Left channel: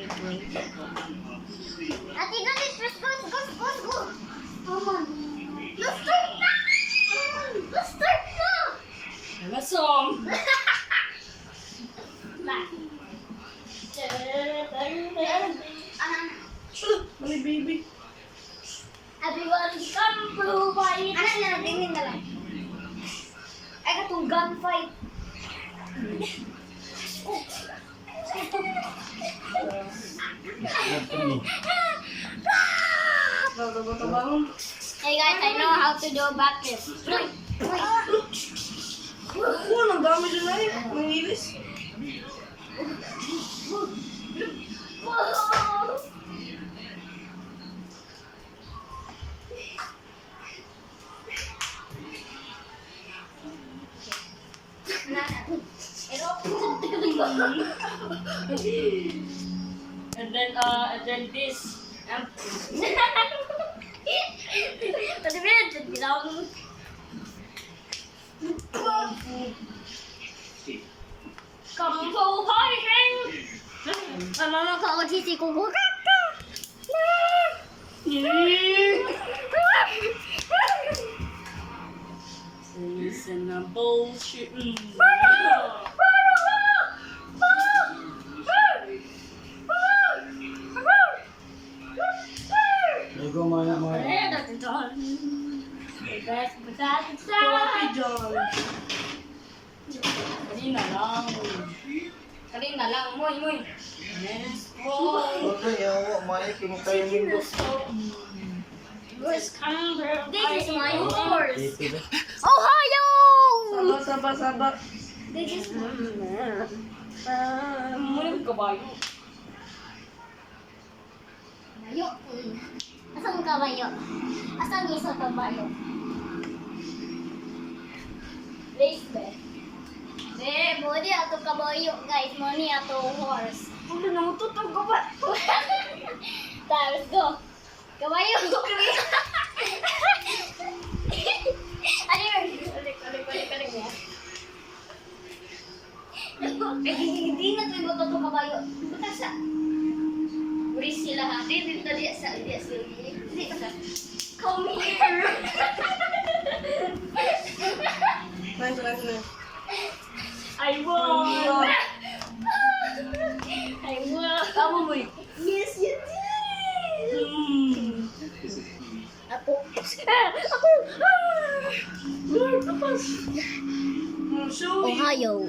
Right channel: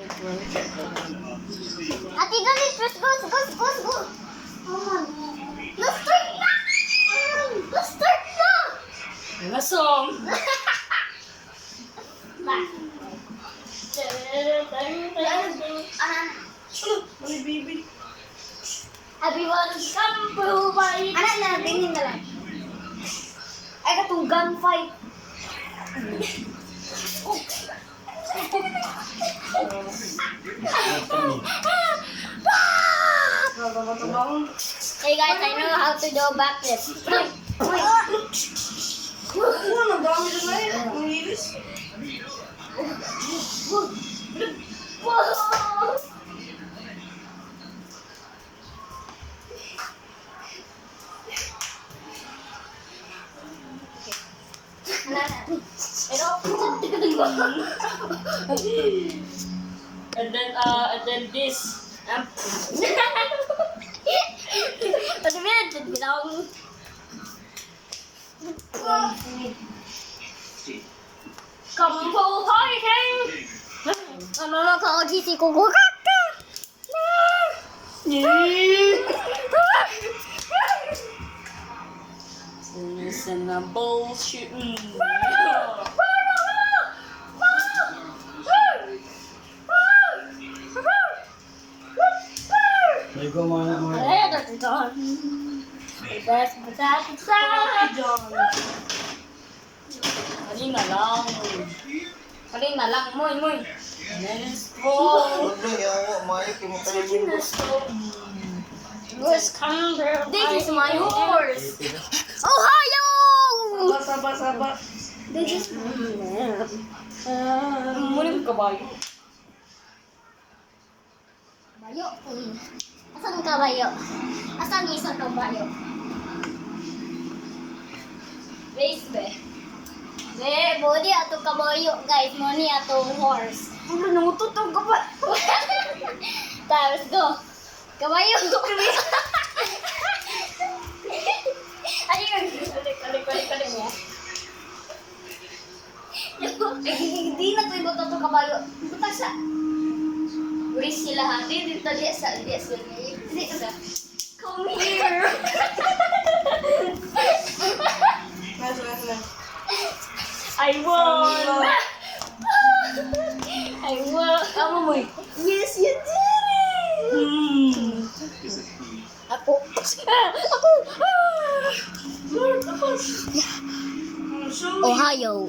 Ate, let's go. Come on. Let's start na. Masong! Mali, baby. Everyone come provide. Anak na, tingin na lang. Ay, katong gunfight. Hey guys, I know how to do a backflip. Ang dami doon na yun. Ang ilis. And then this. Pwede mo yan, ginawa mo. Kampo, hi, Heng! Ano lang ako sisi ko? Kaka! Listen na bullshit. Ligo muna mo. Ay, that's done. That's Kanina lang, moy. Let's go. This is my horse. Ohio! Saba. This is Muna yung kabayo. kabayo. Asan kabayo? Asan isa kabayo? Race be. Be, body ato kabayo, guys. Money ato horse. Ano nang ututog ka ba? Let's go. Kabayo. Ano yun? Kalik mo. Hindi na ito iba ito kabayo. Buta sa. Uris sila ha. Di sa. Come here. Nice. I won. Tama mo eh. Yes, you did it. Ako. Ohio.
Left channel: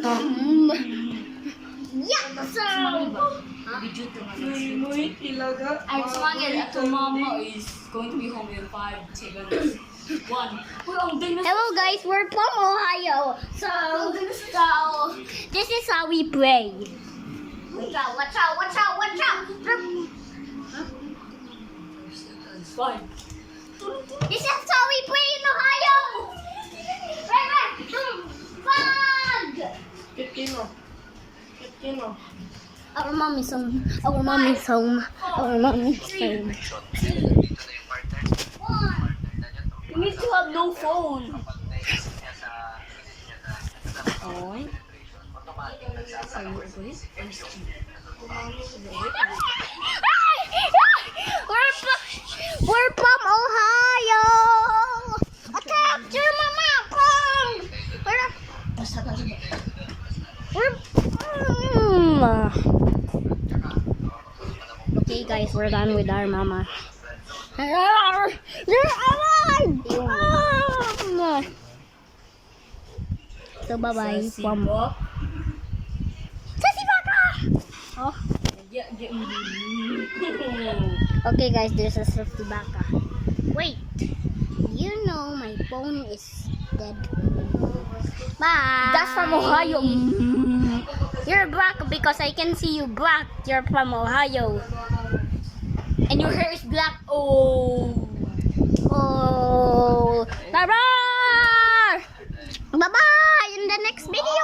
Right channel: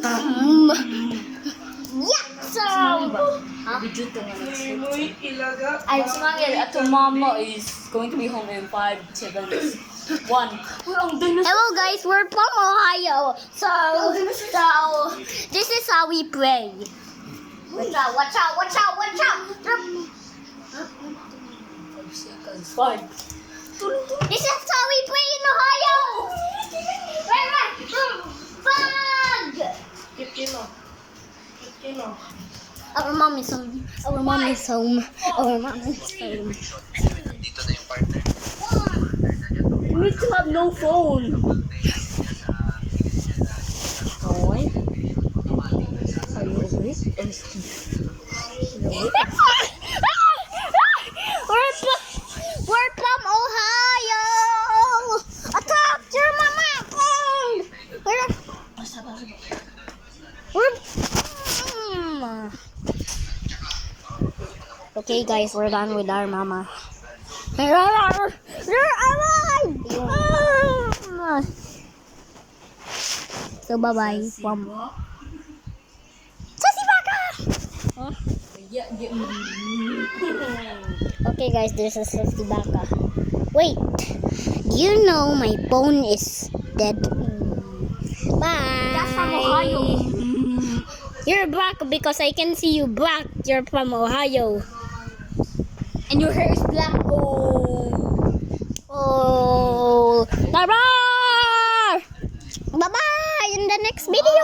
Muy ilaga. I'm smiling at mama is going to be home in 5 seconds. 1. Hello guys, we're from Ohio. So this is how we pray. Watch out. Fine. This is how we pray in Ohio. Right. Fog. 15. Our mom is home. You need to have no phone. We're from Ohio. Attack your mama. Okay guys, we're done with our mama. You're alive! So bye-bye from Sassy Baka! Oh. Okay guys, there's a Sassy Baka. Wait, do you know my phone is dead? Bye! That's from Ohio. You're black because I can see you black. You're from Ohio. And your hair is black. Oh, bye-bye! Bye-bye in the next video.